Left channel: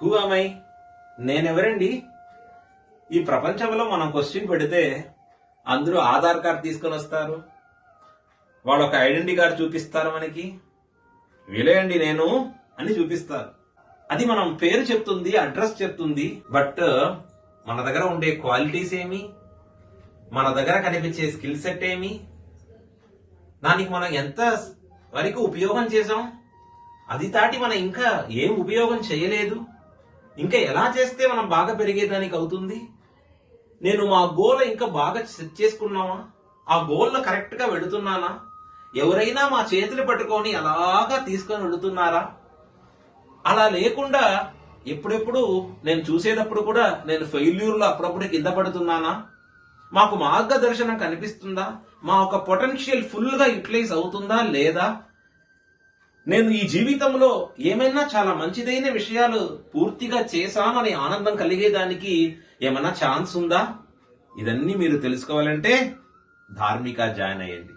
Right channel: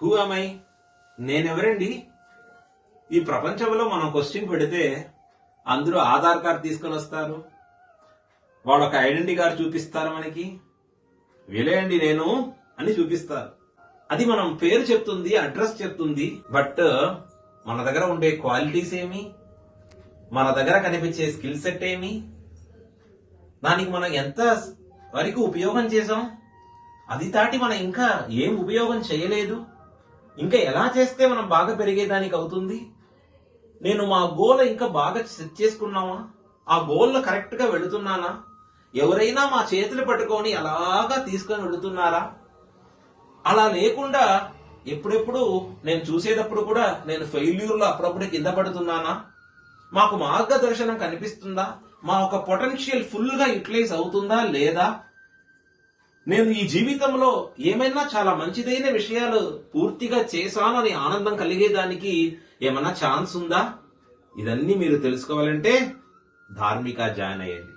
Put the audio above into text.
Who ఆమై? నేనెవరండి? ఈ ప్రపంచంలో మనం క్వశ్చన్ పెడితే అందరూ ఆధార్ కార్డు తీసుకొని వస్తారు, వాడు ఒక ఐడెంటిటీ కార్డు చూపిస్తారు, మనకి వీలేయండి నేను అని చూపిస్తారు. అది మనం పేరు చెప్తుంది, అడ్రస్ చెప్తుంది. బట్ మన దగ్గర ఉండే క్వాలిటీస్ ఏమి, మన దగ్గర కనిపించే స్కిల్ సెట్ ఏమి, దానికి మనం ఎంత వరకు ఉపయోగం చేసాం, అది దాటి మనం ఇంకా ఏం ఉపయోగం చేయలేదు, ఇంకా ఎలా చేస్తే మనం బాగా పెరిగేదానికి అవుతుంది, నేను మా గోల్ ఇంకా బాగా సెట్ చేసుకున్నావా, ఆ గోల్ కరెక్ట్ గా వెళుతున్నానా, ఎవరైనా మా చేతులు పట్టుకొని అలాగా తీసుకొని వెళుతున్నారా? అలా లేకుండా ఎప్పుడెప్పుడు నేను చూసేటప్పుడు కూడా నేను ఫెయిల్యూర్ లో అప్పుడప్పుడు కింద పడుతున్నానా? మాకు మార్గదర్శనం కనిపిస్తుందా? మా ఒక పొటెన్షియల్ ఫుల్ గా యూటిలైజ్ అవుతుందా లేదా? నేను ఈ జీవితంలో ఏమైనా చాలా మంచిదైన విషయాలు పూర్తిగా చేశాను అని ఆనందం కలిగేదానికి ఏమన్నా ఛాన్స్ ఉందా? ఇదన్నీ మీరు తెలుసుకోవాలంటే ధార్మిక జాయిన్ అయ్యండి.